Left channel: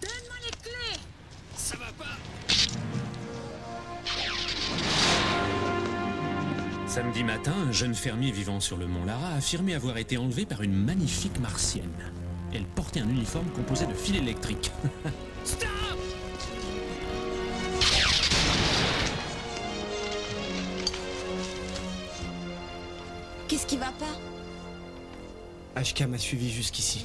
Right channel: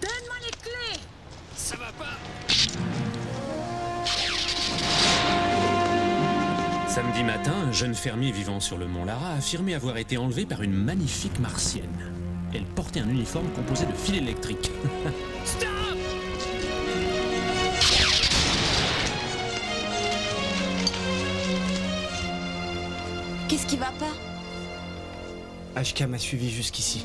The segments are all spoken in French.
Donne-moi les clés. Ça va pas. Samedi matin, un jeune fermier vivant sur le mont Lara a affirmé avoir été enlevé par une magnifique martienne. Elle portait un uniforme composé de fils électriques. Stop! Qu'est-ce qui va pas? HK m'a suivi jusqu'ici.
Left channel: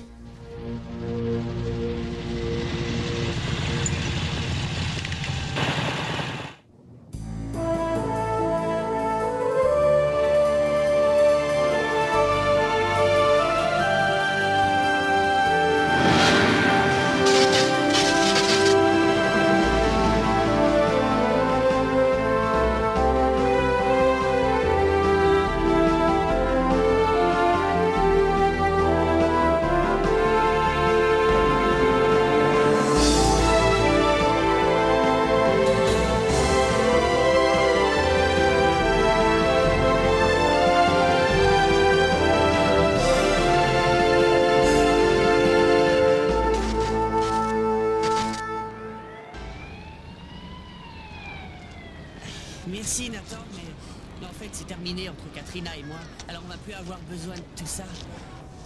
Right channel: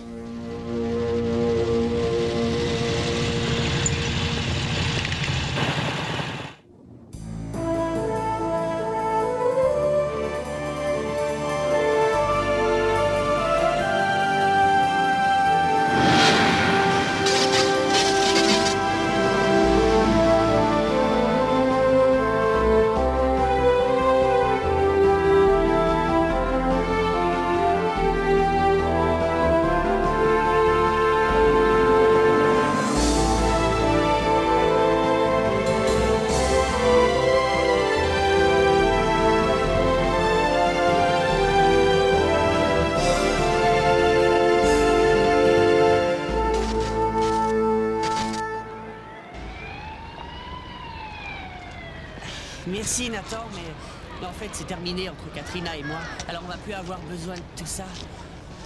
Merci Nathan, mais en fait c'est terminé entre Katrina et moi. Alors on va plus avoir besoin de tout ça.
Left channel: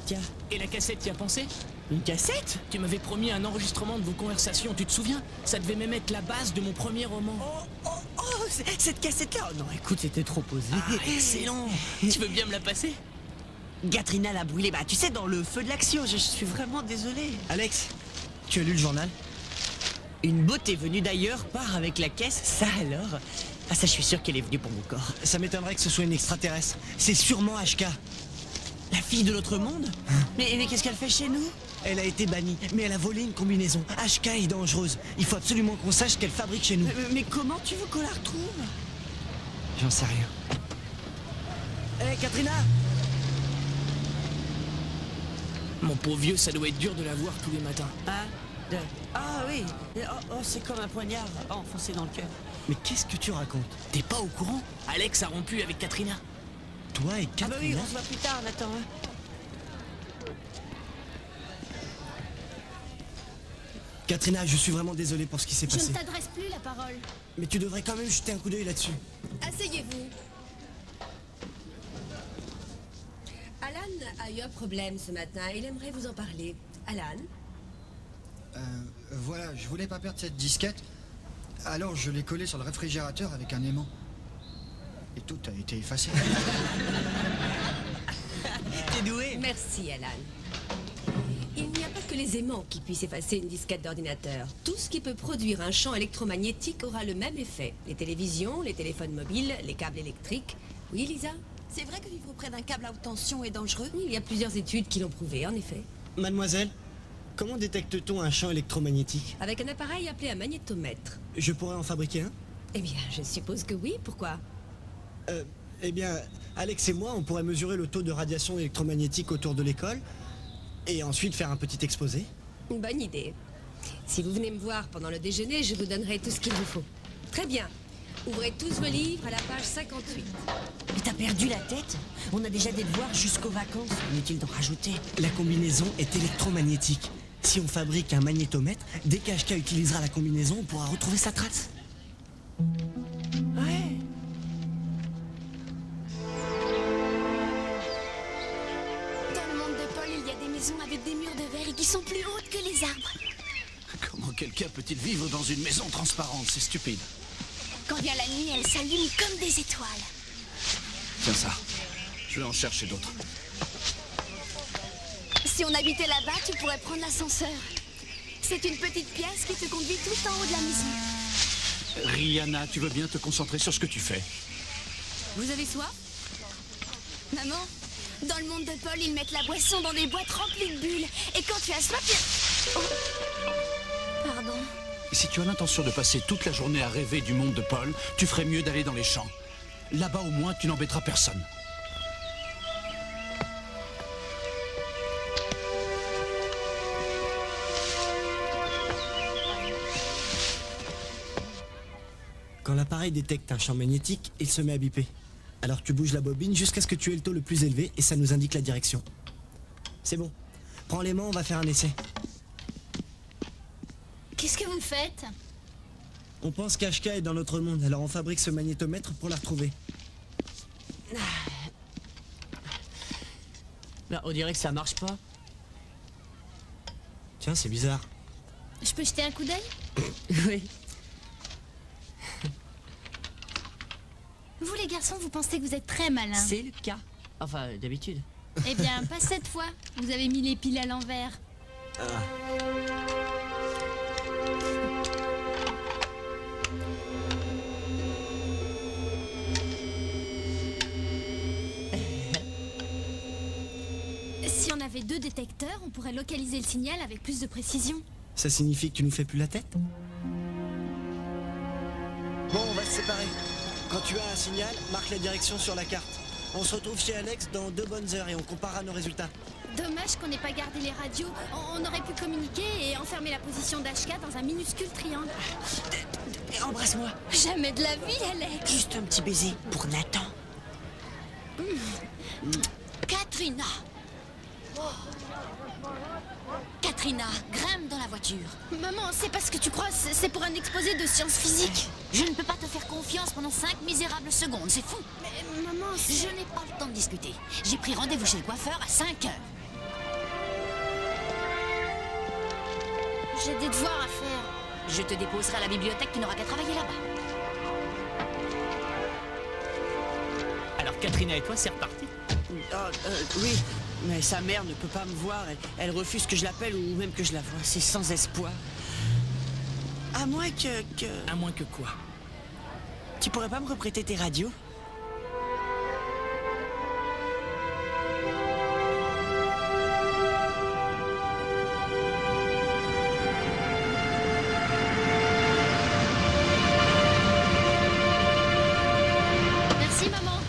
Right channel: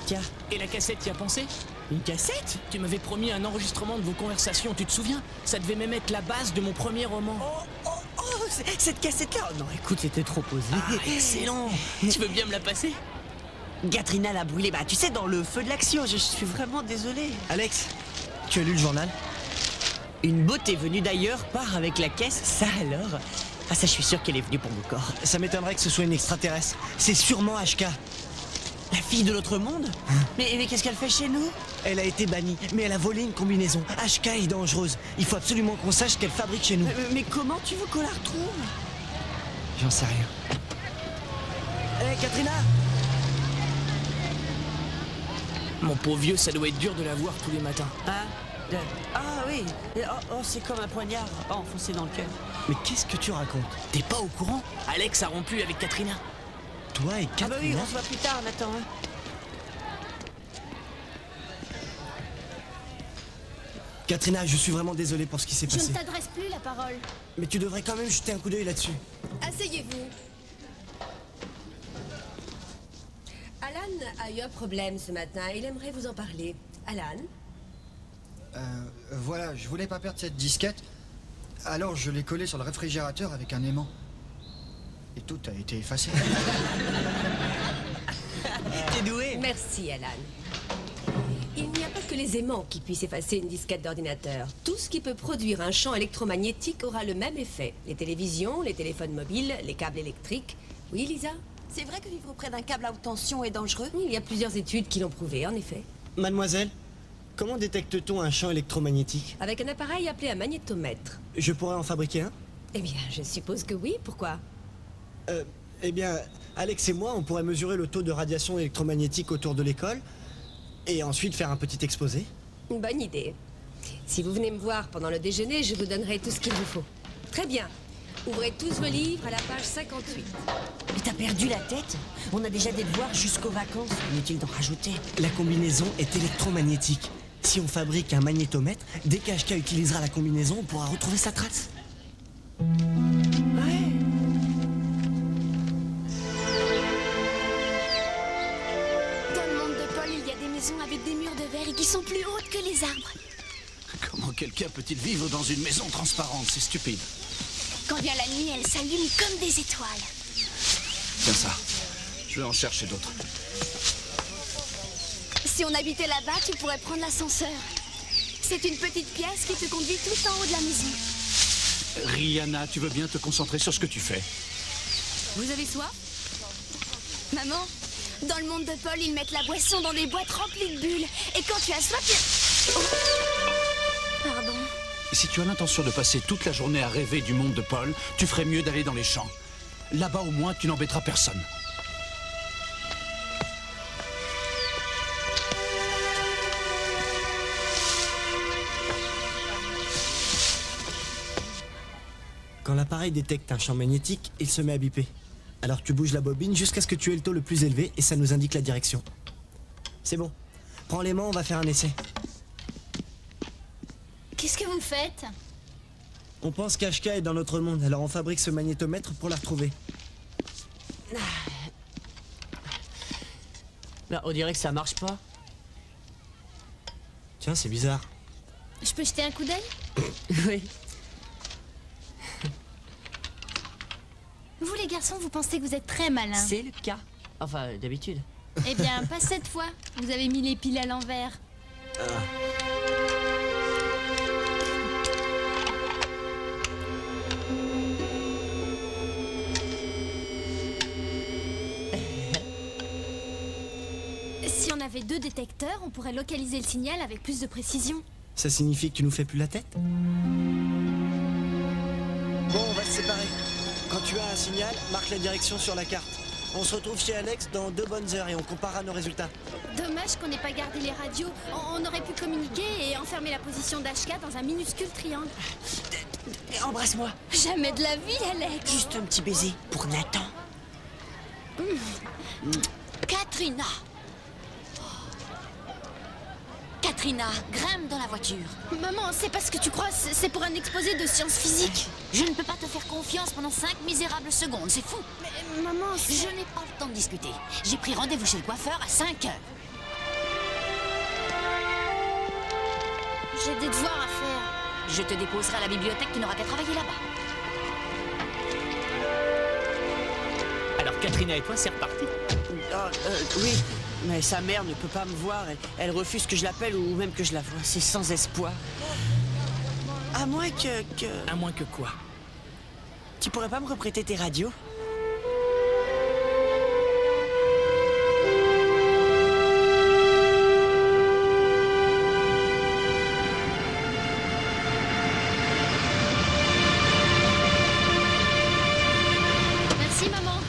Tiens. Et la cassette, t'y as pensé? Une cassette? Tu m'avais promis un enregistrement de vos conversations, tu te souviens? Ça devait même être la base de mon premier roman. Oh, cette cassette-là. Oh non, écoute, c'était trop posé. Ah, excellent. Tu veux bien me la passer? Katrina l'a brûlé, tu sais, dans le feu de l'action. Je suis vraiment désolé. Alex, tu as lu le journal? Une beauté venue d'ailleurs part avec la caisse, ça alors? Ah ça, je suis sûr qu'elle est venue pour mon corps. Ça m'étonnerait que ce soit une extraterrestre. C'est sûrement HK. La fille de l'autre monde? Mais qu'est-ce qu'elle fait chez nous? Elle a été bannie, mais elle a volé une combinaison. HK est dangereuse. Il faut absolument qu'on sache ce qu'elle fabrique chez nous. Mais comment tu veux qu'on la retrouve? J'en sais rien. Hé, Katrina! Mon pauvre vieux, ça doit être dur de la voir tous les matins. Ah oui. Oh, c'est comme un poignard enfoncé dans le cœur. Mais qu'est-ce que tu racontes? T'es pas au courant? Alex a rompu avec Katrina. Toi et Katrina? Ah bah oui, on se voit plus tard, Nathan. Katrina, je suis vraiment désolé pour ce qui s'est Je passé. ne t'adresse plus la parole. Mais tu devrais quand même jeter un coup d'œil là-dessus. Asseyez-vous. Alan a eu un problème ce matin. Il aimerait vous en parler. Alan? Voilà, je voulais pas perdre cette disquette. Alors je l'ai collée sur le réfrigérateur avec un aimant. Et tout a été effacé. T'es doué. Merci, Alan. Il n'y a pas que les aimants qui puissent effacer une disquette d'ordinateur. Tout ce qui peut produire un champ électromagnétique aura le même effet. Les télévisions, les téléphones mobiles, les câbles électriques. Oui, Lisa? C'est vrai que vivre près d'un câble à haute tension est dangereux? Il y a plusieurs études qui l'ont prouvé, en effet. Mademoiselle, comment détecte-t-on un champ électromagnétique? Avec un appareil appelé un magnétomètre. Je pourrais en fabriquer un? Eh bien, je suppose que oui. Pourquoi? Eh bien, Alex et moi, on pourrait mesurer le taux de radiation électromagnétique autour de l'école et ensuite faire un petit exposé. Une bonne idée. Si vous venez me voir pendant le déjeuner, je vous donnerai tout ce qu'il vous faut. Très bien. Ouvrez tous vos livres à la page 58. Mais t'as perdu la tête? On a déjà des devoirs jusqu'aux vacances. Inutile d'en rajouter. La combinaison est électromagnétique. Si on fabrique un magnétomètre, dès qu'HK utilisera la combinaison, on pourra retrouver sa trace. Ouais. Dans le monde de Paul, il y a des maisons avec des murs de verre et qui sont plus hautes que les arbres. Comment quelqu'un peut-il vivre dans une maison transparente? C'est stupide. Quand vient la nuit, elles s'allument comme des étoiles. Tiens ça. Je vais en chercher d'autres. Si on habitait là-bas, tu pourrais prendre l'ascenseur. C'est une petite pièce qui te conduit tout en haut de la maison. Rihanna, tu veux bien te concentrer sur ce que tu fais? Vous avez soif? Maman, dans le monde de Paul, ils mettent la boisson dans des boîtes remplies de bulles. Et quand tu as soif, tu... Oh. Pardon. Si tu as l'intention de passer toute la journée à rêver du monde de Paul, tu ferais mieux d'aller dans les champs. Là-bas, au moins, tu n'embêteras personne. Quand l'appareil détecte un champ magnétique, il se met à biper. Alors tu bouges la bobine jusqu'à ce que tu aies le taux le plus élevé et ça nous indique la direction. C'est bon. Prends l'aimant, on va faire un essai. Qu'est-ce que vous faites? On pense qu'Ashka est dans notre monde, alors on fabrique ce magnétomètre pour la retrouver. Bah, on dirait que ça marche pas. Tiens, c'est bizarre. Je peux jeter un coup d'œil? Oui. Vous les garçons, vous pensez que vous êtes très malins. C'est le cas. Enfin, d'habitude. Eh bien, pas cette fois. Vous avez mis les piles à l'envers. Ah. Si on avait 2 détecteurs, on pourrait localiser le signal avec plus de précision. Ça signifie que tu nous fais plus la tête? Bon, on va se séparer. Quand tu as un signal, marque la direction sur la carte. On se retrouve chez Alex dans 2 bonnes heures et on comparera nos résultats. Dommage qu'on n'ait pas gardé les radios. On aurait pu communiquer et enfermer la position d'Ashka dans un minuscule triangle. Embrasse-moi. Jamais de la vie, Alex. Juste un petit baiser pour Nathan. Katrina. Katrina, grimpe dans la voiture. Maman, c'est pas ce que tu crois. C'est pour un exposé de sciences physiques. Je ne peux pas te faire confiance pendant 5 misérables secondes, c'est fou. Mais maman, Je n'ai pas le temps de discuter. J'ai pris rendez-vous chez le coiffeur à 5 heures. j'ai des devoirs à faire. Je te déposerai à la bibliothèque, tu n'auras qu'à travailler là-bas. Alors Katrina et toi, c'est reparti? Oui, mais sa mère ne peut pas me voir. Elle refuse que je l'appelle ou même que je la voie. C'est sans espoir. À moins que... À moins que quoi? Tu pourrais pas me reprêter tes radios? Merci, maman.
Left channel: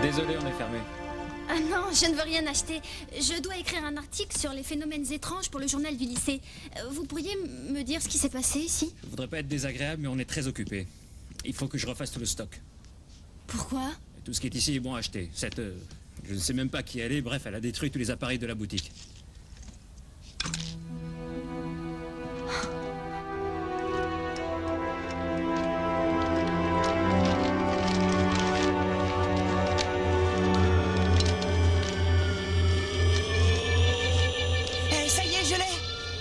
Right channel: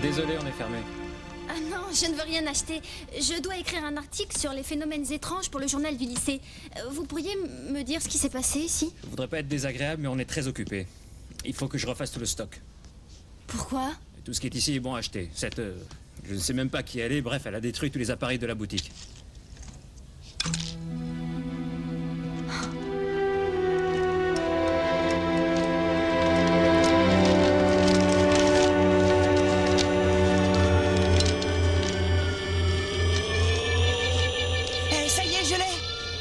Désolé, on est fermé. Ah non, je ne veux rien acheter. Je dois écrire un article sur les phénomènes étranges pour le journal du lycée. Vous pourriez me dire ce qui s'est passé ici? Je voudrais pas être désagréable, mais on est très occupé. Il faut que je refasse tout le stock. Pourquoi? Et tout ce qui est ici est bon à acheter. Je ne sais même pas qui elle est. Bref, elle a détruit tous les appareils de la boutique.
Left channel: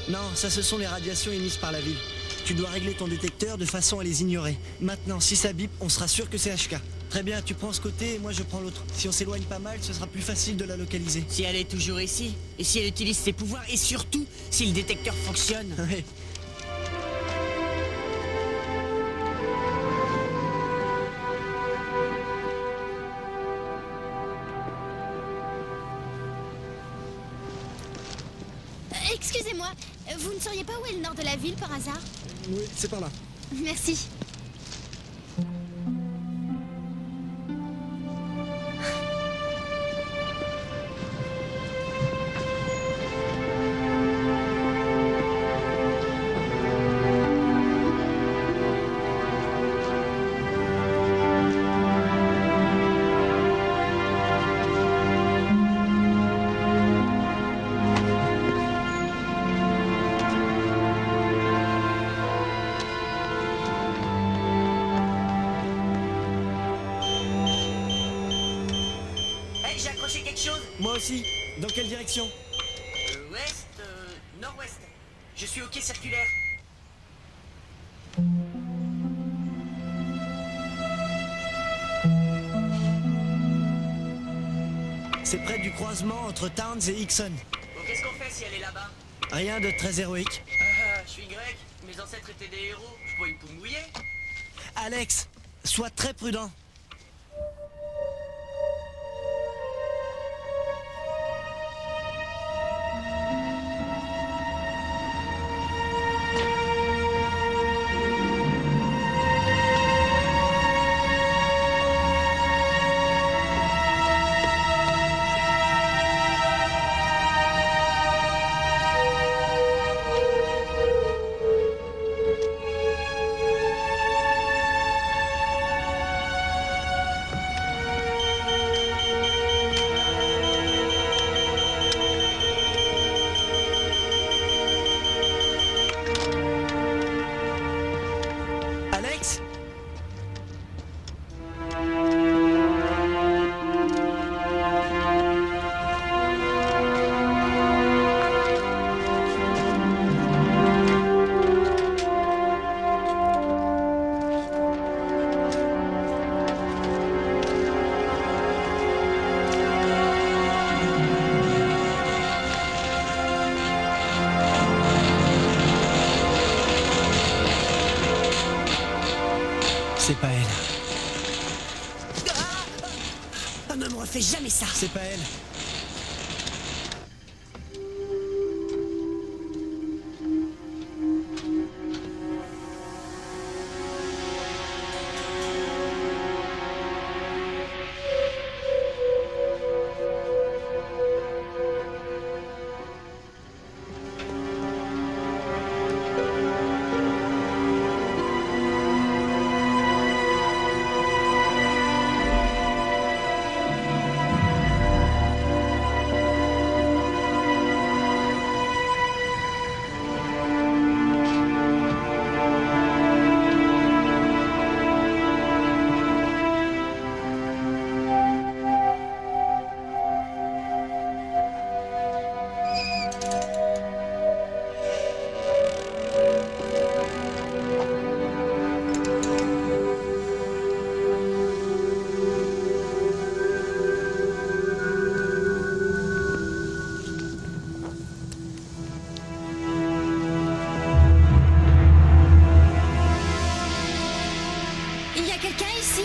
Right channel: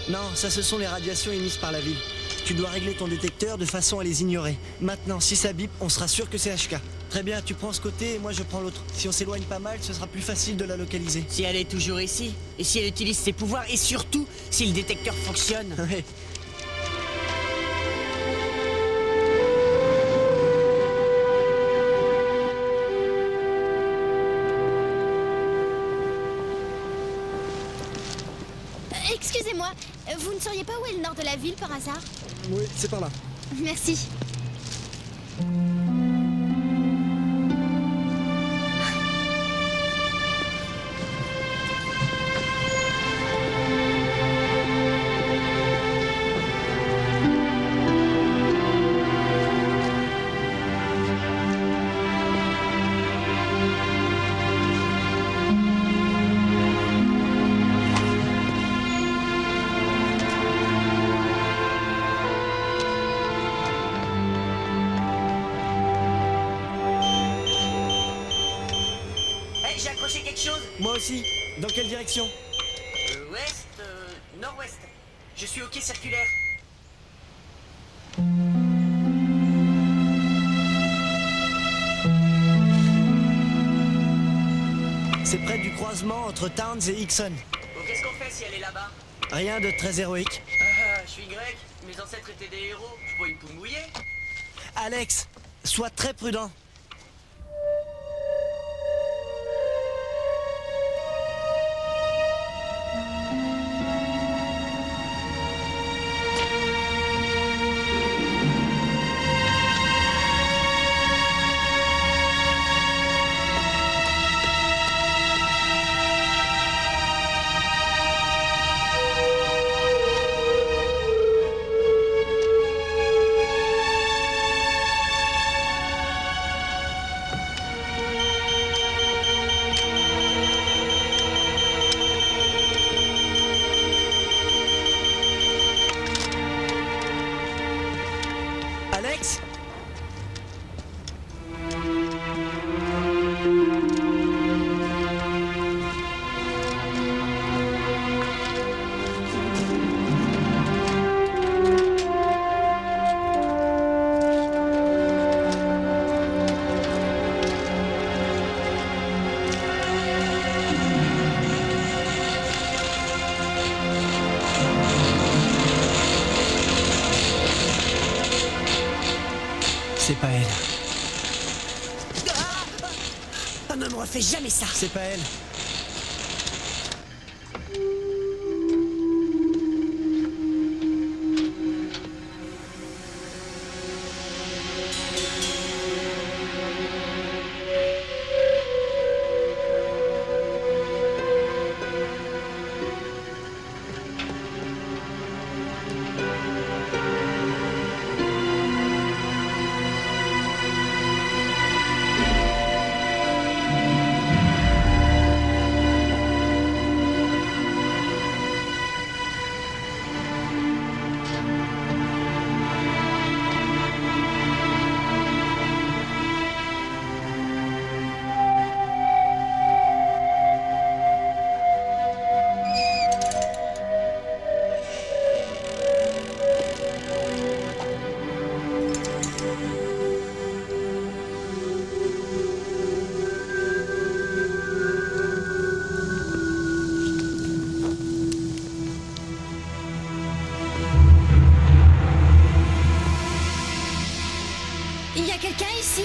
Non, ça ce sont les radiations émises par la ville. Tu dois régler ton détecteur de façon à les ignorer. Maintenant, si ça bip, on sera sûr que c'est HK. Très bien, tu prends ce côté et moi je prends l'autre. Si on s'éloigne pas mal, ce sera plus facile de la localiser. Si elle est toujours ici, et si elle utilise ses pouvoirs, et surtout, si le détecteur fonctionne. Ouais. Excusez-moi, vous ne sauriez pas où est le nord de la ville par hasard? Oui, c'est par là. Merci. J'ai accroché quelque chose. Moi aussi. Dans quelle direction? Ouest, nord-ouest. Je suis au quai circulaire. C'est près du croisement entre Towns et Hickson. Bon, qu'est-ce qu'on fait si elle est là-bas? Rien de très héroïque. je suis grec, mes ancêtres étaient des héros, je suis pas une poule mouillée. Alex, sois très prudent. Alex? C'est pas elle. Ah, ne me refais jamais ça. C'est pas elle. Il y a quelqu'un ici?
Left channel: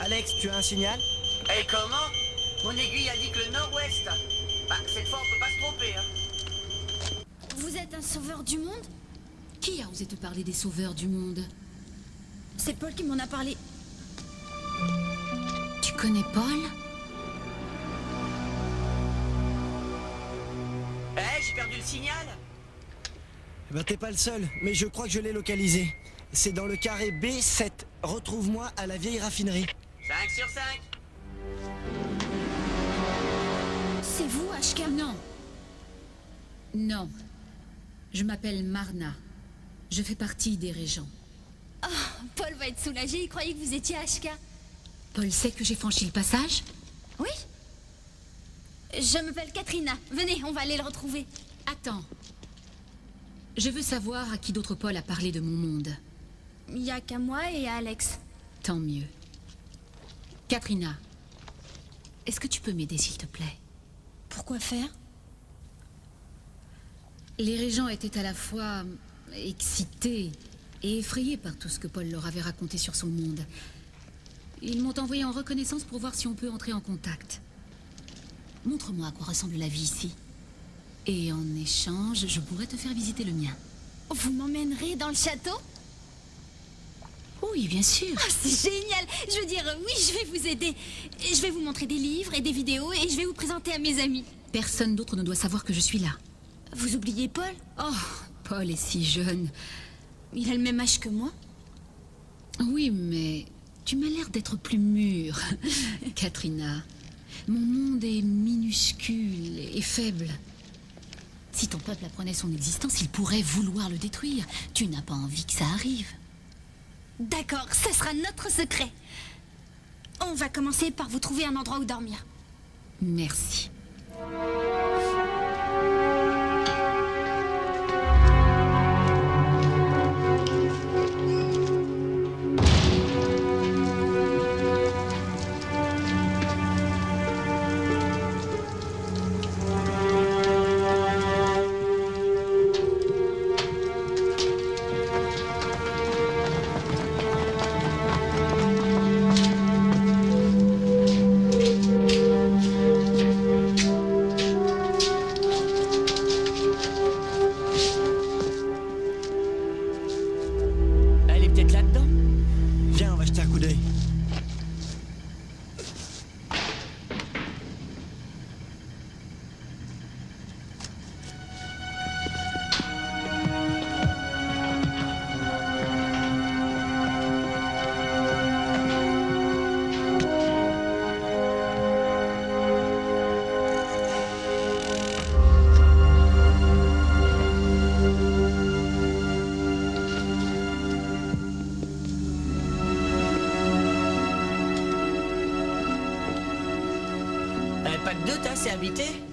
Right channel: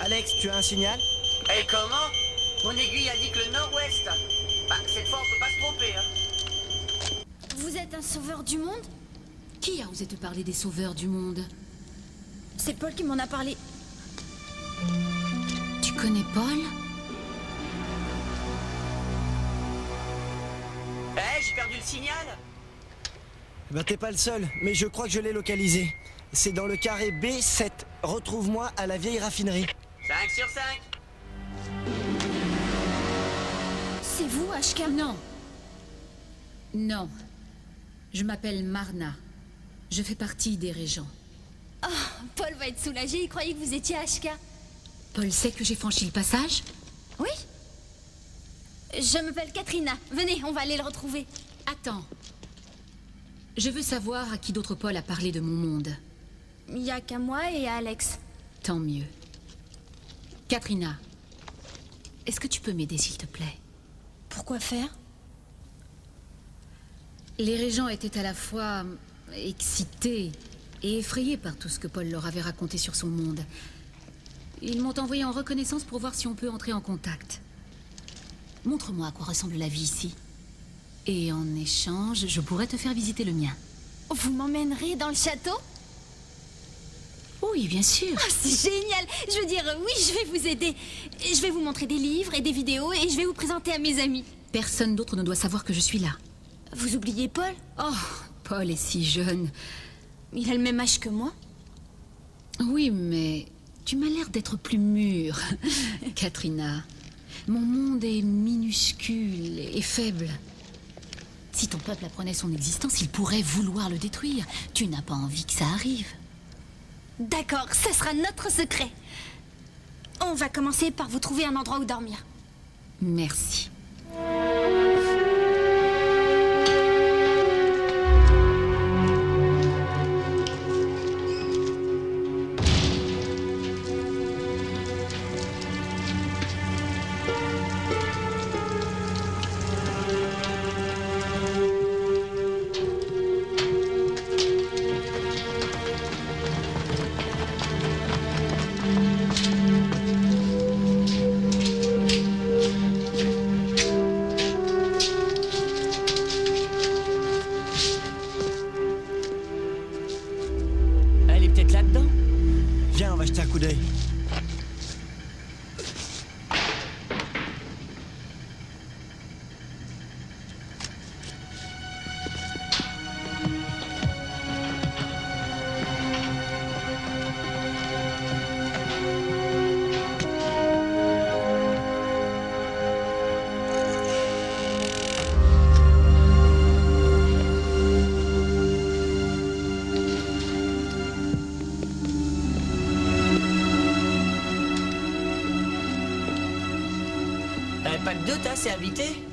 Alex, tu as un signal? Et comment? Mon aiguille indique le nord-ouest. Bah, cette fois, on peut pas se tromper, hein. Vous êtes un sauveur du monde? Qui a osé te parler des sauveurs du monde? C'est Paul qui m'en a parlé. Tu connais Paul? Eh, j'ai perdu le signal. Ben, t'es pas le seul, mais je crois que je l'ai localisé. C'est dans le carré B7. Retrouve-moi à la vieille raffinerie. 5 sur 5. C'est vous, HK? Non. Non. Je m'appelle Marna. Je fais partie des régents. Oh, Paul va être soulagé, il croyait que vous étiez HK. Paul sait que j'ai franchi le passage? Oui. Je m'appelle Katrina. Venez, on va aller le retrouver. Attends. Je veux savoir à qui d'autre Paul a parlé de mon monde. Il n'y a qu'à moi et à Alex. Tant mieux. Katrina, est-ce que tu peux m'aider, s'il te plaît? Pourquoi faire? Les régents étaient à la fois excités et effrayés par tout ce que Paul leur avait raconté sur son monde. Ils m'ont envoyé en reconnaissance pour voir si on peut entrer en contact. Montre-moi à quoi ressemble la vie ici. Et en échange, je pourrais te faire visiter le mien. Vous m'emmènerez dans le château? Oui, bien sûr. Oh, c'est génial. Je veux dire, oui, je vais vous aider. Je vais vous montrer des livres et des vidéos et je vais vous présenter à mes amis. Personne d'autre ne doit savoir que je suis là. Vous oubliez Paul? Oh, Paul est si jeune. Il a le même âge que moi. Oui, mais tu m'as l'air d'être plus mûre, Katrina. Mon monde est minuscule et faible. Si ton peuple apprenait son existence, il pourrait vouloir le détruire. Tu n'as pas envie que ça arrive. D'accord, ce sera notre secret. On va commencer par vous trouver un endroit où dormir. Merci. Pas de doute, hein, c'est habité.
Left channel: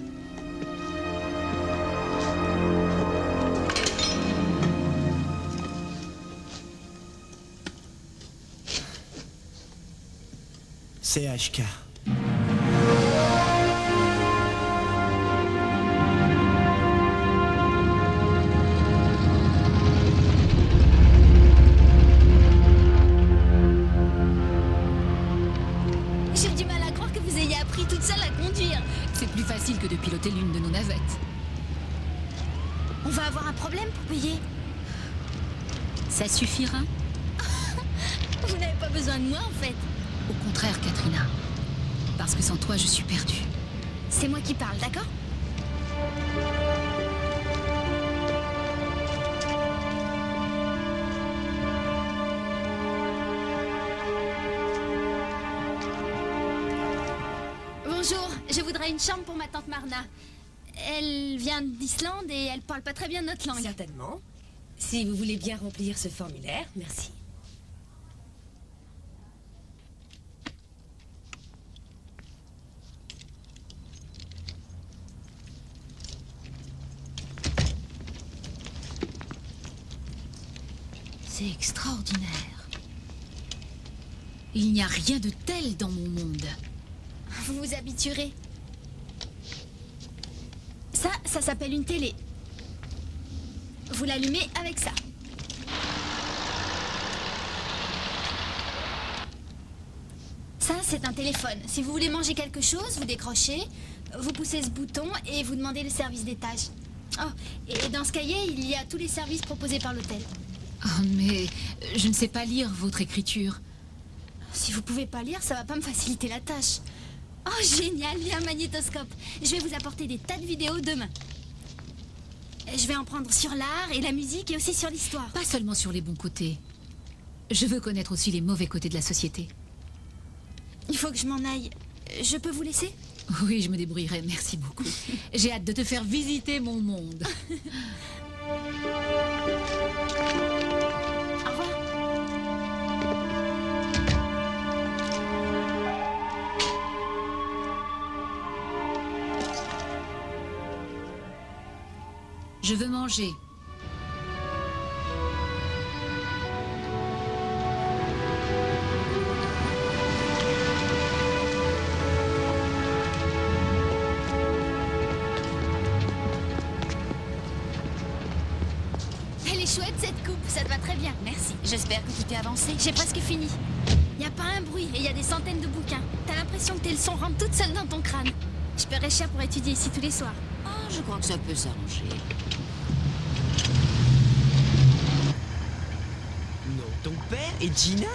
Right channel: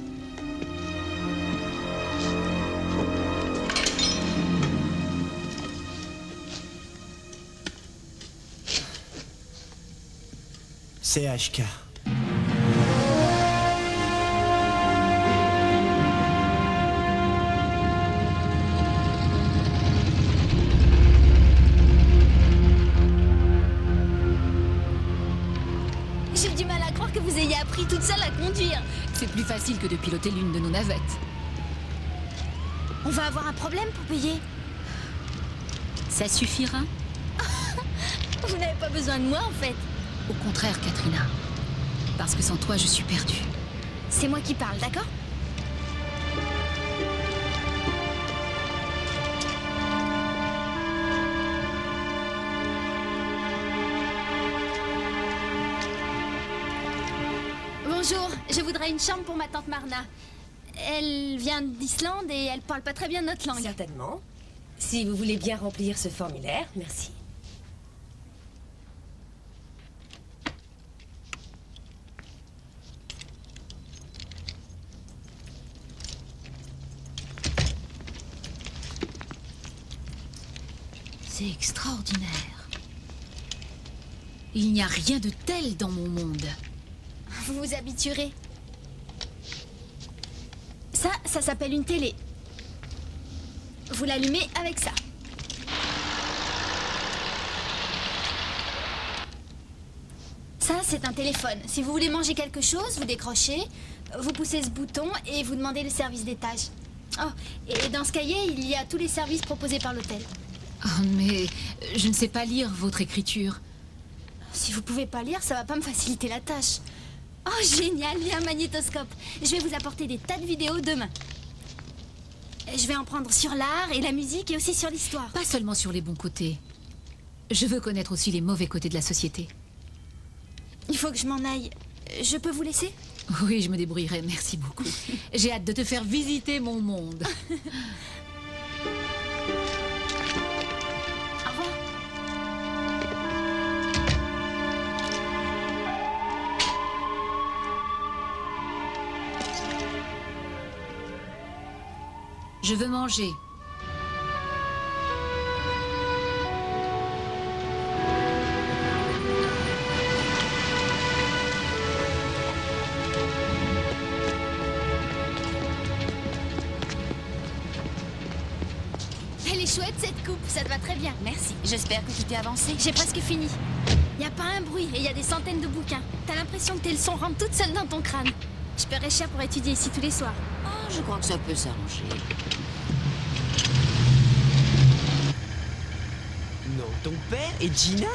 C'est HK. J'ai du mal à croire que vous ayez appris toute seule à conduire. C'est plus facile que de piloter l'une de nos navettes. On va avoir un problème pour payer. Ça suffira? Vous n'avez pas besoin de moi, en fait. Au contraire, Katrina. Parce que sans toi, je suis perdue. C'est moi qui parle, d'accord? Bonjour, je voudrais une chambre pour ma tante Marna. Elle vient d'Islande et elle parle pas très bien notre langue. Certainement. Si vous voulez bien remplir ce formulaire, merci. C'est extraordinaire. Il n'y a rien de tel dans mon monde. Vous vous habituerez. Ça s'appelle une télé. Vous l'allumez avec ça. Ça, c'est un téléphone. Si vous voulez manger quelque chose, vous décrochez, vous poussez ce bouton et vous demandez le service d'étage. Oh, et dans ce cahier, il y a tous les services proposés par l'hôtel. Oh, mais je ne sais pas lire votre écriture. Si vous pouvez pas lire, ça va pas me faciliter la tâche. Oh, génial, il y a un magnétoscope. Je vais vous apporter des tas de vidéos demain. Je vais en prendre sur l'art et la musique et aussi sur l'histoire. Pas seulement sur les bons côtés. Je veux connaître aussi les mauvais côtés de la société. Il faut que je m'en aille. Je peux vous laisser? Oui, je me débrouillerai, merci beaucoup. J'ai hâte de te faire visiter mon monde. Au revoir. Je veux manger. Elle est chouette cette coupe, ça te va très bien. Merci. J'espère que tu t'es avancé. J'ai presque fini. Il n'y a pas un bruit et il y a des centaines de bouquins. T'as l'impression que tes leçons rentrent toutes seules dans ton crâne. Je paierais cher pour étudier ici tous les soirs. Oh, je crois que ça peut s'arranger. Non, ton père et Gina?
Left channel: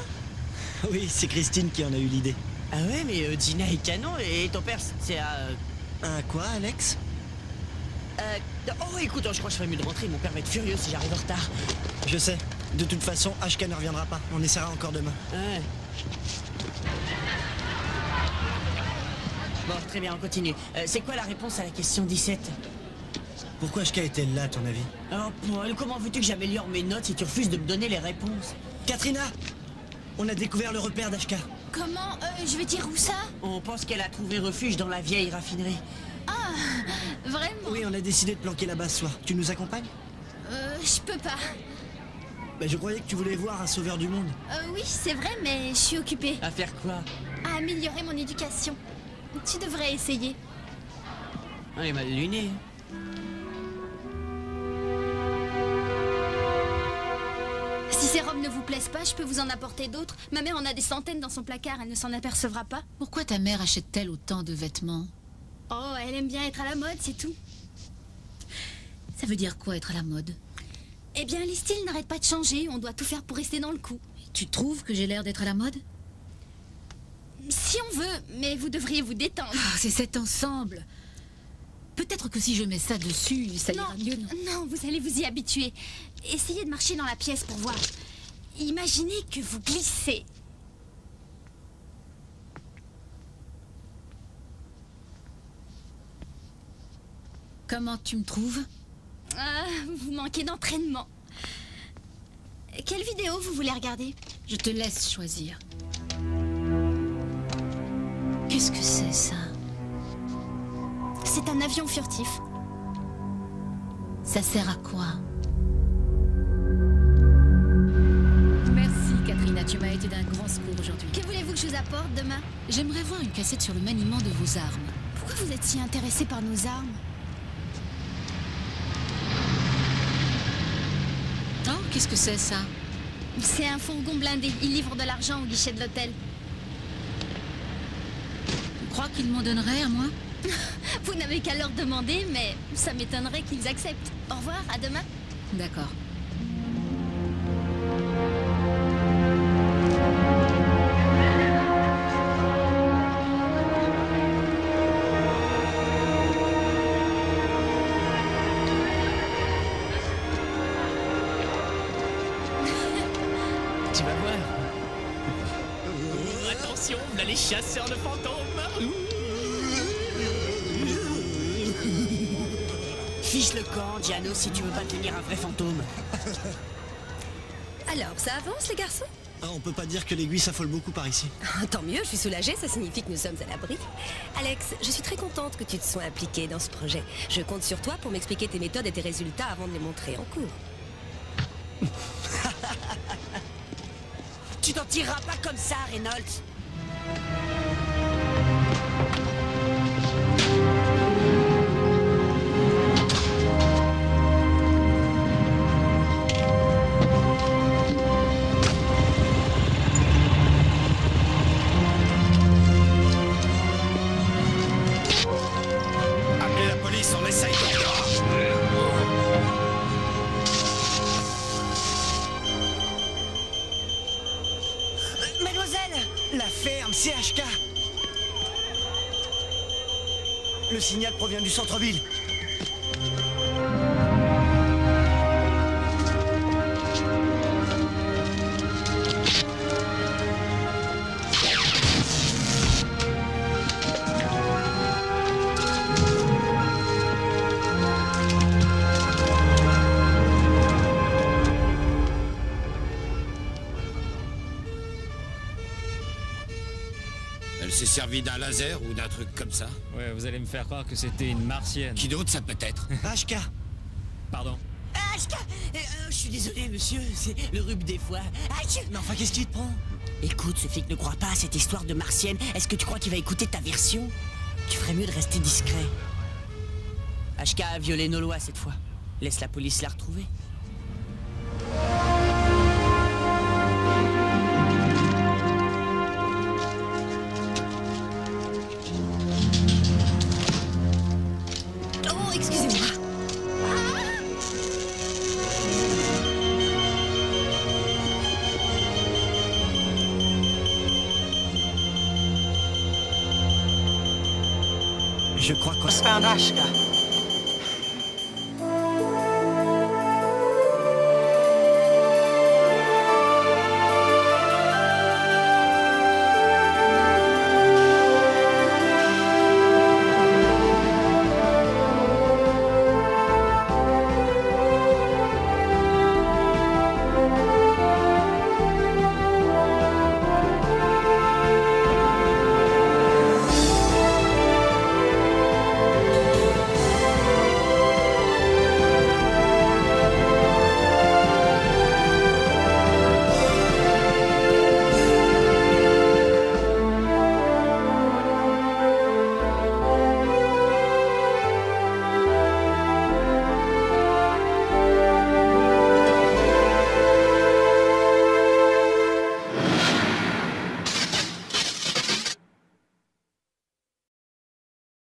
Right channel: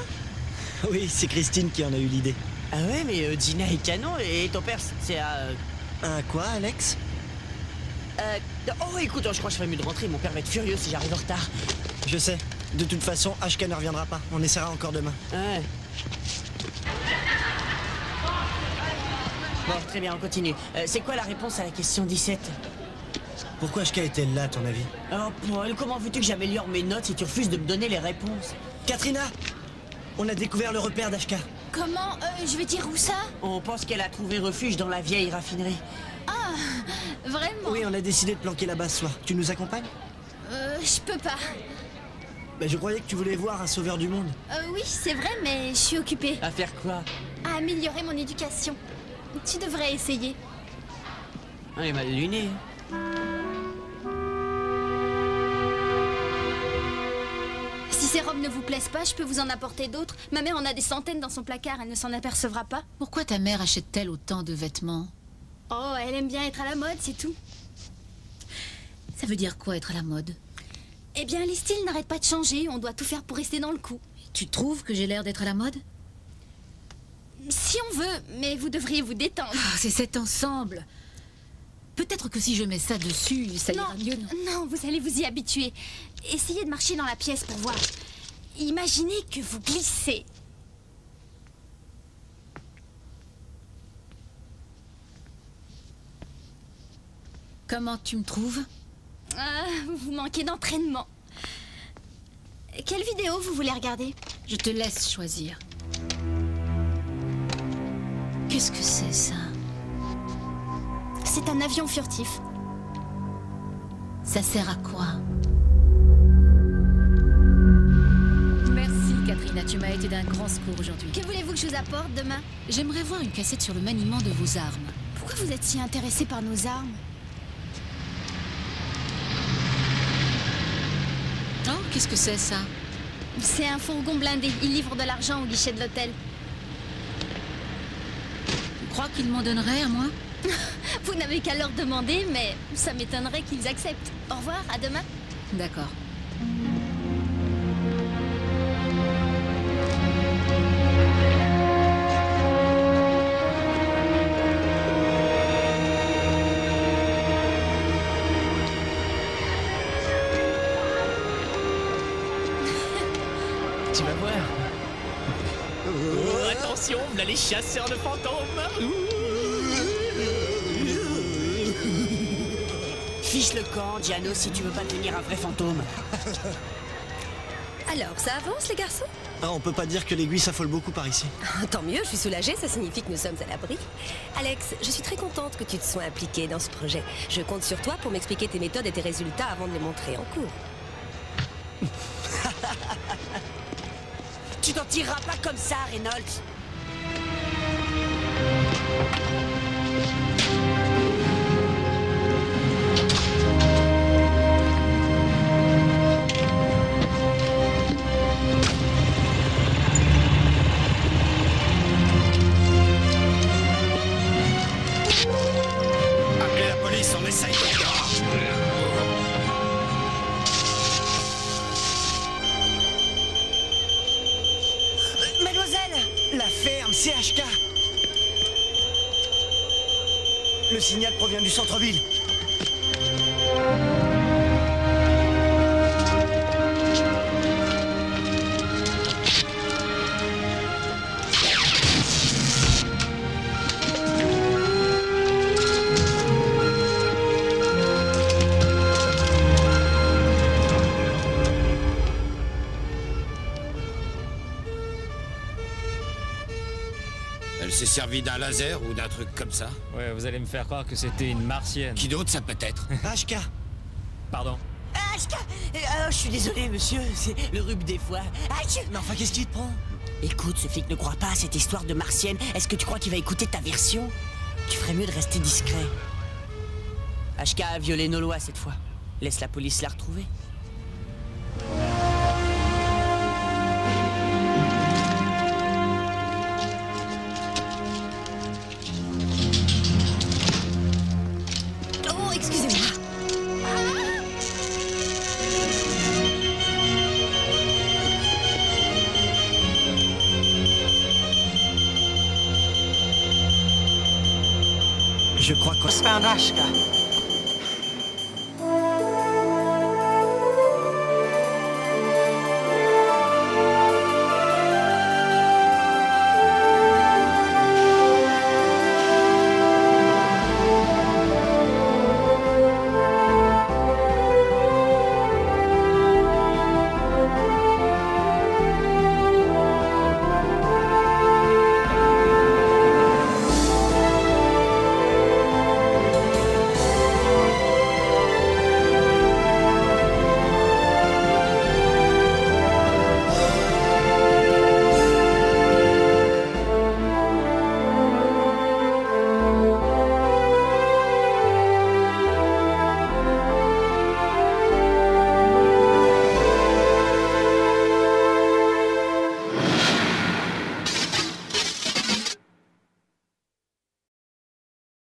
Oui, c'est Christine qui en a eu l'idée. Ah ouais, mais Gina est canon et ton père, c'est Un quoi, Alex? Oh, écoute, je crois que je ferais mieux de rentrer. Mon père va être furieux si j'arrive en retard. Je sais. De toute façon, HK ne reviendra pas. On essaiera encore demain. Ouais. Bon, très bien, on continue. C'est quoi la réponse à la question 17? Pourquoi HK est-elle là, à ton avis? Oh, Paul, comment veux-tu que j'améliore mes notes si tu refuses de me donner les réponses? Katrina! On a découvert le repère d'HK. Comment? Je vais dire où ça? On pense qu'elle a trouvé refuge dans la vieille raffinerie. Ah, vraiment? Oui, on a décidé de planquer là-bas ce soir. Tu nous accompagnes? Je peux pas. Je croyais que tu voulais voir un sauveur du monde. Oui, c'est vrai, mais je suis occupée. À faire quoi? À améliorer mon éducation. Tu devrais essayer. Ah, il m'a luné. Si ces robes ne vous plaisent pas, je peux vous en apporter d'autres. Ma mère en a des centaines dans son placard, elle ne s'en apercevra pas. Pourquoi ta mère achète-t-elle autant de vêtements? Oh, elle aime bien être à la mode, c'est tout. Ça veut dire quoi, être à la mode? Eh bien, les styles n'arrêtent pas de changer, on doit tout faire pour rester dans le coup. Tu trouves que j'ai l'air d'être à la mode? Si on veut, mais vous devriez vous détendre. Ah, c'est cet ensemble. Peut-être que si je mets ça dessus, ça ira mieux, non? Non, vous allez vous y habituer. Essayez de marcher dans la pièce pour voir. Imaginez que vous glissez. Comment tu me trouves? Vous manquez d'entraînement. Quelle vidéo vous voulez regarder? Je te laisse choisir. Qu'est-ce que c'est, ça? C'est un avion furtif. Ça sert à quoi? Merci, Katrina. Tu m'as été d'un grand secours aujourd'hui. Que voulez-vous que je vous apporte demain? J'aimerais voir une cassette sur le maniement de vos armes. Pourquoi vous êtes si intéressé par nos armes? Oh, qu'est-ce que c'est, ça? C'est un fourgon blindé. Il livre de l'argent au guichet de l'hôtel. Tu crois qu'ils m'en donneraient à moi? Vous n'avez qu'à leur demander, mais ça m'étonnerait qu'ils acceptent. Au revoir, à demain. D'accord. Tu vas voir. Oh, attention, là les chasseurs de fantômes. Fiche le camp, Giano, si tu veux pas devenir un vrai fantôme. Alors, ça avance, les garçons? Ah, on peut pas dire que l'aiguille s'affole beaucoup par ici. Tant mieux, je suis soulagée, ça signifie que nous sommes à l'abri. Alex, je suis très contente que tu te sois impliqué dans ce projet. Je compte sur toi pour m'expliquer tes méthodes et tes résultats avant de les montrer en cours. Tu t'en tireras pas comme ça, Reynolds. Appelez la police, on essaye de... Mademoiselle! La ferme, CHK. Le signal provient du centre-ville. Elle s'est servie d'un laser ou d'un truc comme ça? Ouais, vous allez me faire croire que c'était une martienne. Qui d'autre ça peut être? HK. Pardon. Je suis désolé, monsieur, c'est le rhume des fois. Mais enfin, qu'est-ce qui te prend? Écoute, ce flic ne croit pas à cette histoire de martienne. Est-ce que tu crois qu'il va écouter ta version? Tu ferais mieux de rester discret. HK a violé nos lois cette fois. Laisse la police la retrouver. Oh, excusez-moi. Je crois qu'on... Found Ashka.